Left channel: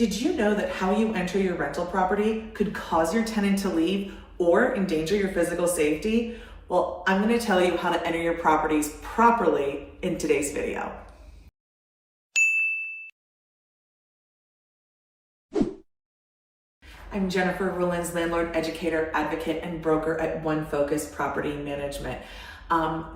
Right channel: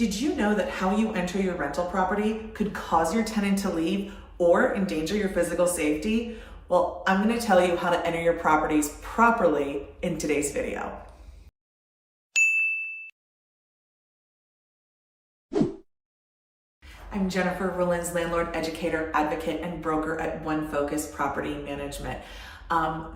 Did you know that how you enter your rental property could cause your tenant to leave or endanger your physical safety? Well, I'm going to tell you how to enter your properties properly in today's video. I'm Jennifer Rulin's landlord, educator, advocate, and broker at One Focus Property Management.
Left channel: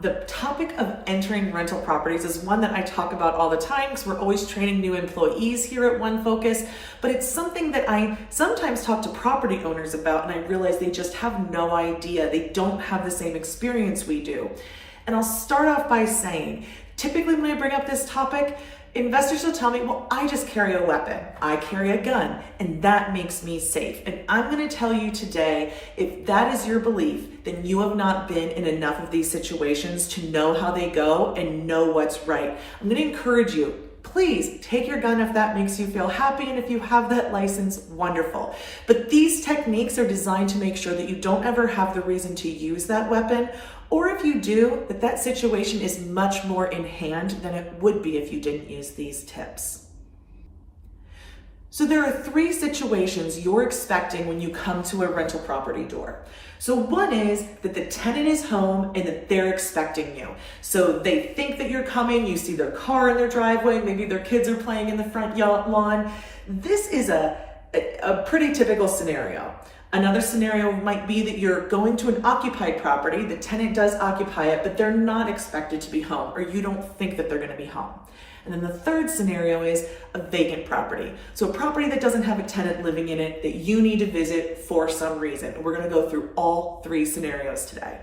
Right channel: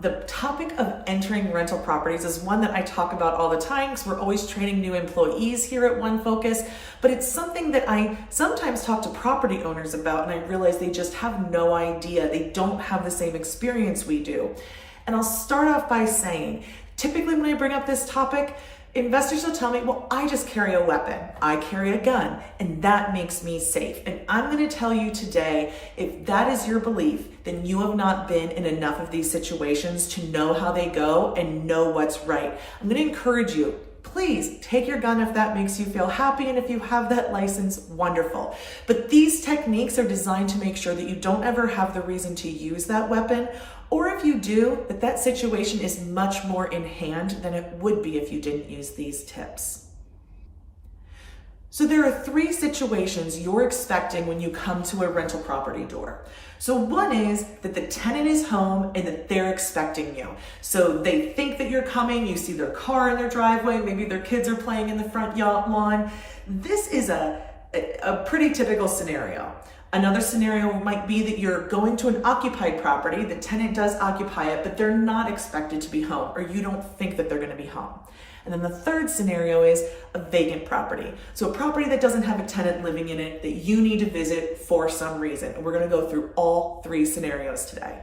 The topic of entering rental properties is one that I talk about all the time because we're always training new employees here at One Focus, but it's something that I sometimes talk to property owners about and I realize they just have no idea. They don't have the same experience we do. And I'll start off by saying, typically when I bring up this topic, investors will tell me, well, I just carry a weapon. I carry a gun, and that makes me safe. And I'm going to tell you today, if that is your belief, then you have not been in enough of these situations to know how they go and know what's right. I'm going to encourage you, please take your gun if that makes you feel happy, and if you have that license, wonderful. But these techniques are designed to make sure that you don't ever have the reason to use that weapon, or if you do, that situation is much more in hand than it would be if you didn't use these tips. So there are three situations you're expecting when you come to a rental property door. So one is that the tenant is home and that they're expecting you. So they think that you're coming, you see their car in their driveway, maybe their kids are playing in the front lawn. This is a pretty typical scenario. Another scenario might be that you're going to an occupied property, the tenant does occupy it, but they're not expected to be home, or you don't think that they're going to be home. And then the third scenario is a vacant property. So a property that doesn't have a tenant living in it that you need to visit for some reason. And we're going to go through all three scenarios today.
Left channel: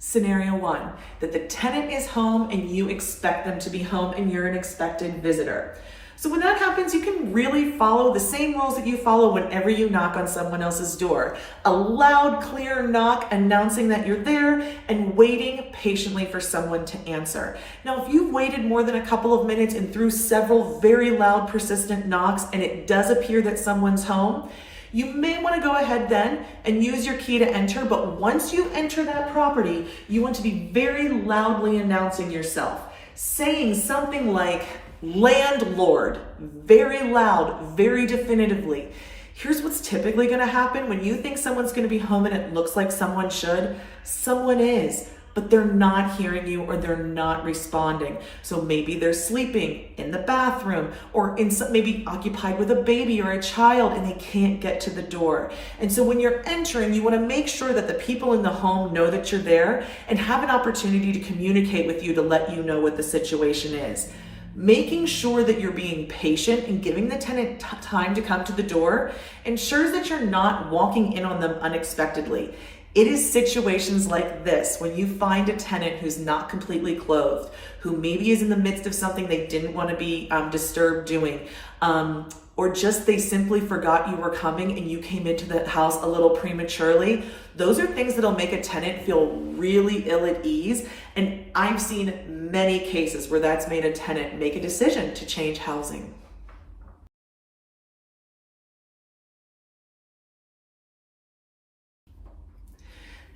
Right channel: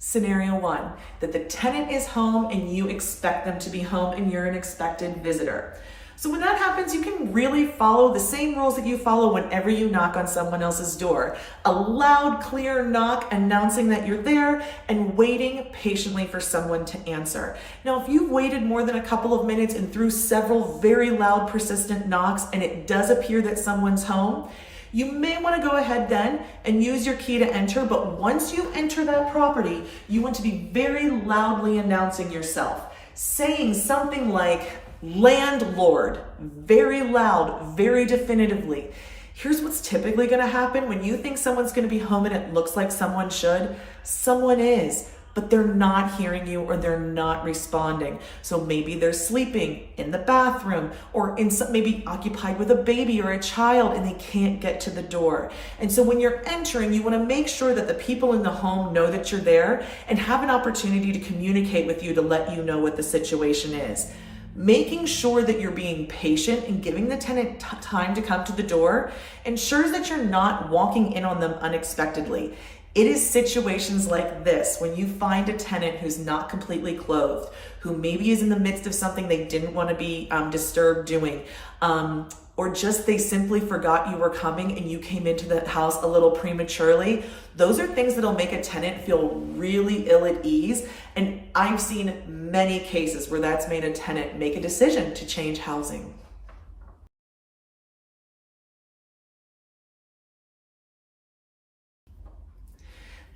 Scenario one, that the tenant is home and you expect them to be home and you're an expected visitor. So when that happens, you can really follow the same rules that you follow whenever you knock on someone else's door. A loud, clear knock announcing that you're there and waiting patiently for someone to answer. Now, if you've waited more than a couple of minutes and through several very loud, persistent knocks and it does appear that someone's home, you may want to go ahead then and use your key to enter, but once you enter that property, you want to be very loudly announcing yourself, saying something like, landlord, very loud, very definitively. Here's what's typically going to happen when you think someone's going to be home and it looks like someone should. Someone is, but they're not hearing you or they're not responding. So maybe they're sleeping in the bathroom or maybe occupied with a baby or a child and they can't get to the door. And so when you're entering, you want to make sure that the people in the home know that you're there and have an opportunity to communicate with you to let you know what the situation is. Making sure that you're being patient and giving the tenant time to come to the door ensures that you're not walking in on them unexpectedly. It is situations like this when you find a tenant who's not completely clothed, who maybe is in the midst of something they didn't want to be disturbed doing, or just they simply forgot you were coming and you came into the house a little prematurely. Those are things that'll make a tenant feel really ill at ease. And I've seen many cases where that's made a tenant make a decision to change housing.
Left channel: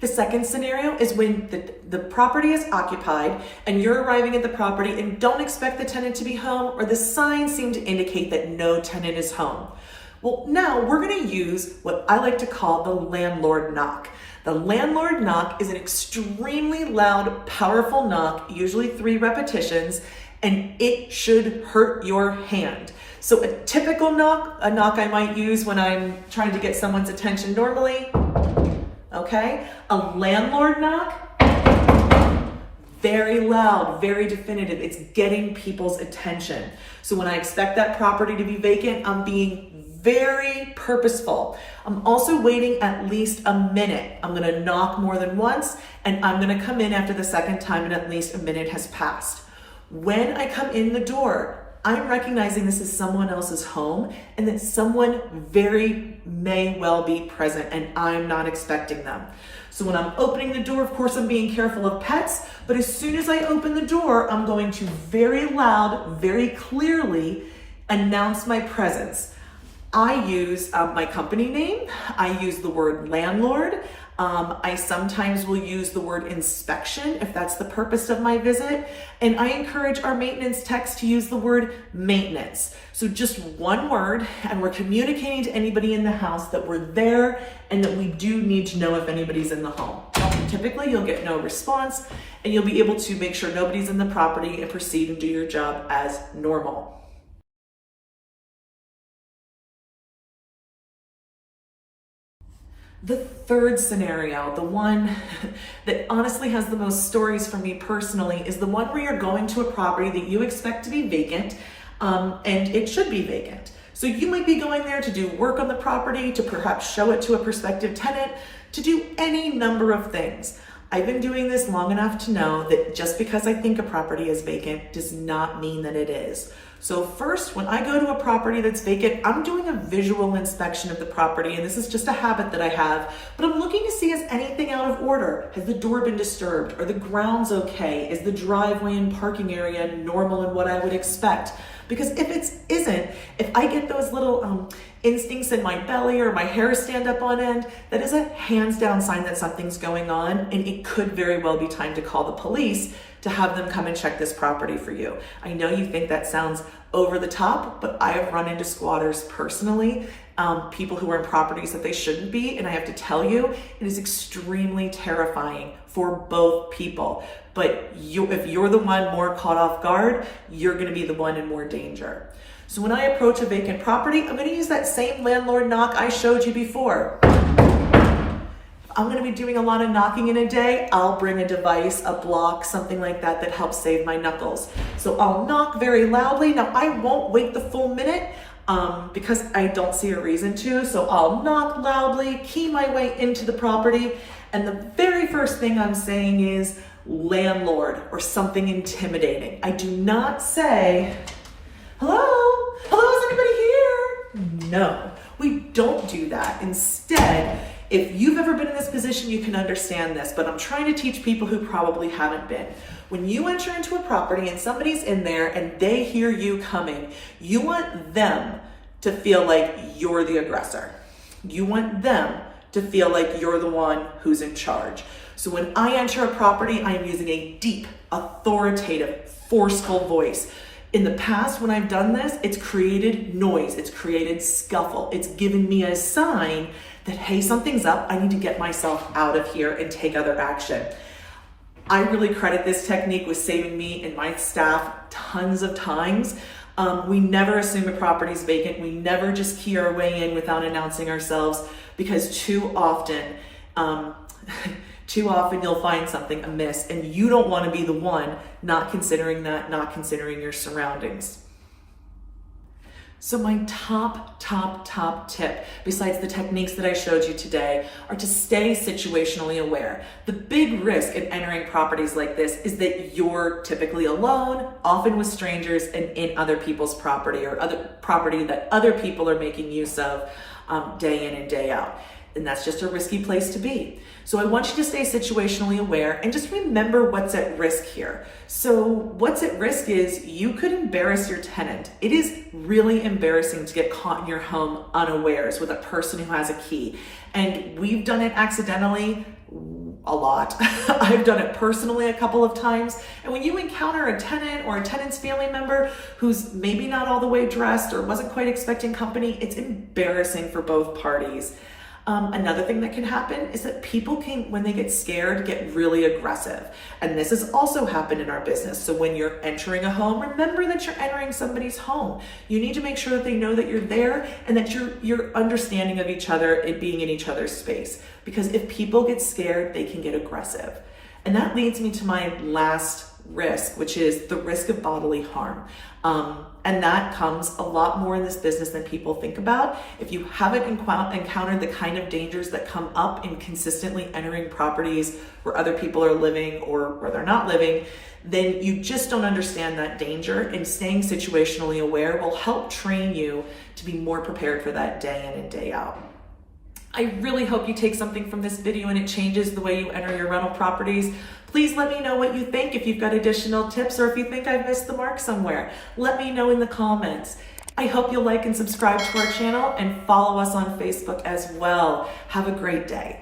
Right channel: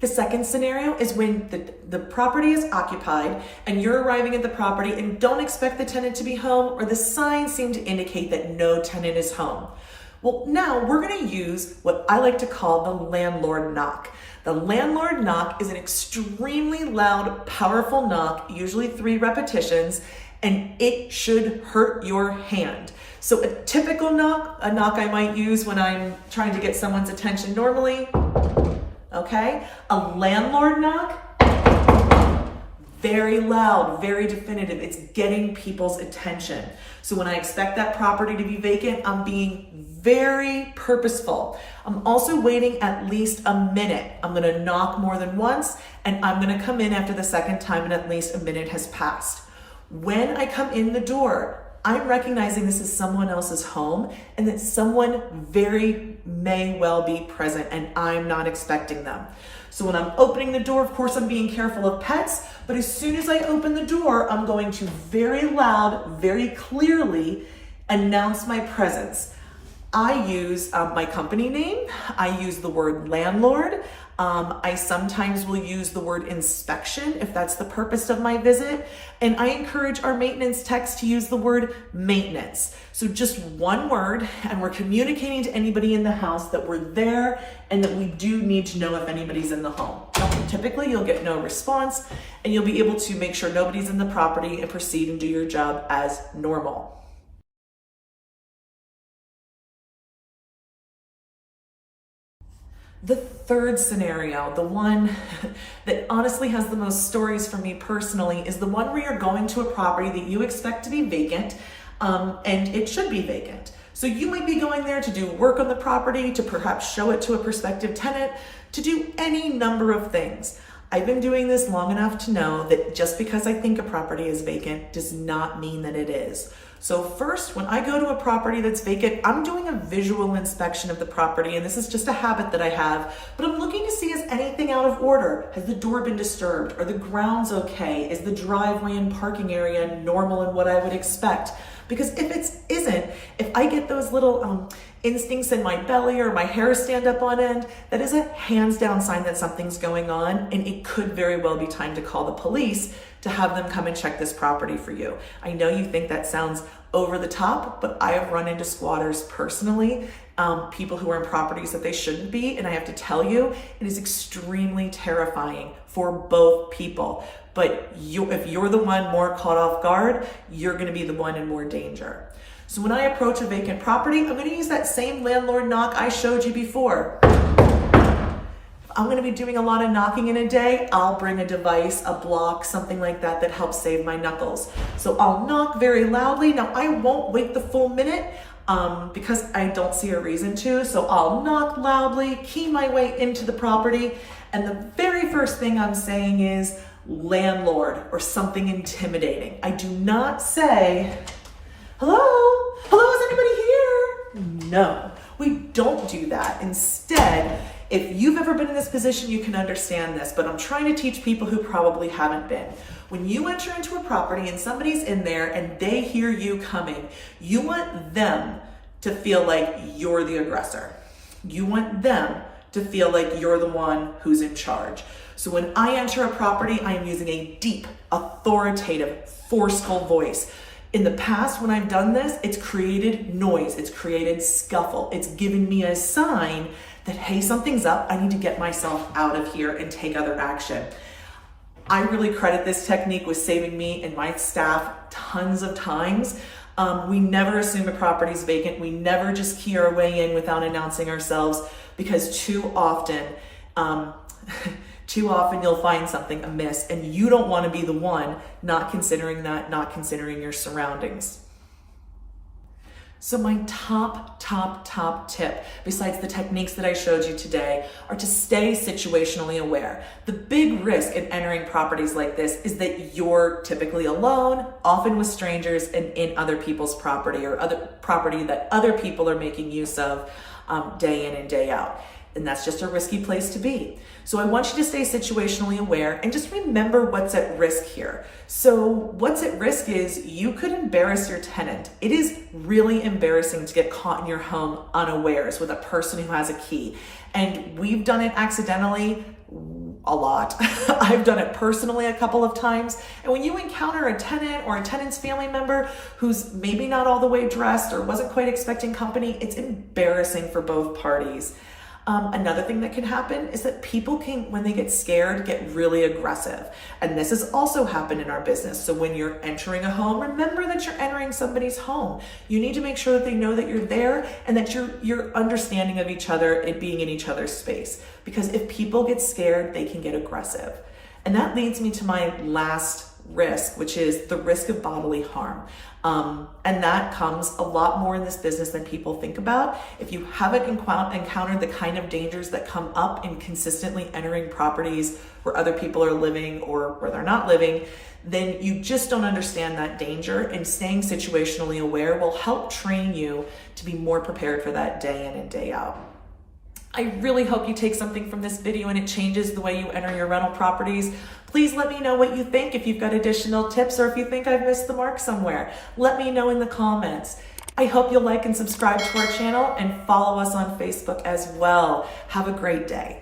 The second scenario is when the property is occupied and you're arriving at the property and don't expect the tenant to be home, or the signs seem to indicate that no tenant is home. Well, now we're going to use what I like to call the landlord knock. The landlord knock is an extremely loud, powerful knock, usually 3 repetitions, and it should hurt your hand. So a typical knock, a knock I might use when I'm trying to get someone's attention normally. Okay, a landlord knock, very loud, very definitive. It's getting people's attention. So when I expect that property to be vacant, I'm being very purposeful. I'm also waiting at least a minute. I'm gonna knock more than once, and I'm gonna come in after the second time and at least a minute has passed. When I come in the door, I'm recognizing this is someone else's home and that someone may well be present and I'm not expecting them. So when I'm opening the door, of course, I'm being careful of pets, but as soon as I open the door, I'm going to very loud, very clearly announce my presence. I use my company name. I use the word landlord. I sometimes will use the word inspection if that's the purpose of my visit. And I encourage our maintenance techs to use the word maintenance. So just one word, and we're communicating to anybody in the house that we're there and that we do need to know if anybody's in the home. Typically, you'll get no response and you'll be able to make sure nobody's in the property and proceed and do your job as normal. The third scenario, the one that honestly has the most stories for me personally, is the one where you're going to a property that you expect to be vacant, and it should be vacant. So you might be going there to do work on the property, to perhaps show it to a prospective tenant, to do any number of things. I've been doing this long enough to know that just because I think a property is vacant does not mean that it is. So first, when I go to a property that's vacant, I'm doing a visual inspection of the property, and this is just a habit that I have, but I'm looking to see, is anything out of order? Has the door been disturbed? Are the grounds okay? Is the driveway and parking area normal and what I would expect? Because if it isn't, if I get those little instincts in my belly or my hair stand up on end, that is a hands down sign that something's going on, and it could very well be time to call the police to have them come and check this property for you. I know you think that sounds over the top, but I have run into squatters personally, people who are in properties that they shouldn't be, and I have to tell you, it is extremely terrifying for both people. But if you're the one more caught off guard, you're gonna be the one in more danger. So when I approach a vacant property, I'm gonna use that same landlord knock I showed you before. I'm gonna be doing a lot of knocking in a day. I'll bring a device, a block, something like that helps save my knuckles. So I'll knock very loudly. Now I won't wait the full minute because I don't see a reason to. So I'll knock loudly, key my way into the property. And the very first thing I'm saying is landlord or something intimidating. I do not say, hello, is anybody here? No, we don't do that. Instead, if you've ever been in this position, you can understand this, but I'm trying to teach people who probably haven't been. When you enter into a property and somebody's in there and they hear you coming, you want them to feel like you're the aggressor. You want them to feel like you're the one who's in charge. So when I enter a property, I am using a deep, authoritative, forceful voice. In the past, when I've done this, it's created noise, it's created scuffle, it's given me a sign that, hey, something's up, I need to get myself out of here and take other action. I really credit this technique with saving me and my staff tons of times. We never assume a property's vacant. We never just key our way in without announcing ourselves, because too often you'll find something amiss and you don't want to be the one not considering that, not considering your surroundings. So my top tip, besides the techniques that I showed you today, are to stay situationally aware. The big risk in entering properties like this is that you're typically alone, often with strangers, and in other people's property or other property that other people are making use of day in and day out. And that's just a risky place to be. So I want you to stay situationally aware and just remember what's at risk here. So what's at risk is you could embarrass your tenant. It is really embarrassing to get caught in your home unawares with a person who has a key. And we've done it accidentally a lot. I've done it personally a couple of times. And when you encounter a tenant or a tenant's family member who's maybe not all the way dressed or wasn't quite expecting company, it's embarrassing for both parties. Another thing that can happen is that people can, when they get scared, get really aggressive. And this has also happened in our business. So when you're entering a home, remember that you're entering somebody's home. You need to make sure that they know that you're there and that you're understanding of each other and being in each other's space. Because if people get scared, they can get aggressive. And that leads me to my last risk, which is the risk of bodily harm. And that comes a lot more in this business than people think about. If you haven't encountered the kind of dangers that come up in consistently entering properties where other people are living or where they're not living, then you just don't understand that danger, and staying situationally aware will help train you to be more prepared for that day in and day out. I really hope you take something from this video and it changes the way you enter your rental properties. Please let me know what you think. If you've got additional tips or if you think I've missed the mark somewhere, let me know in the comments. I hope you'll like and subscribe to our channel and follow us on Facebook as well. Have a great day.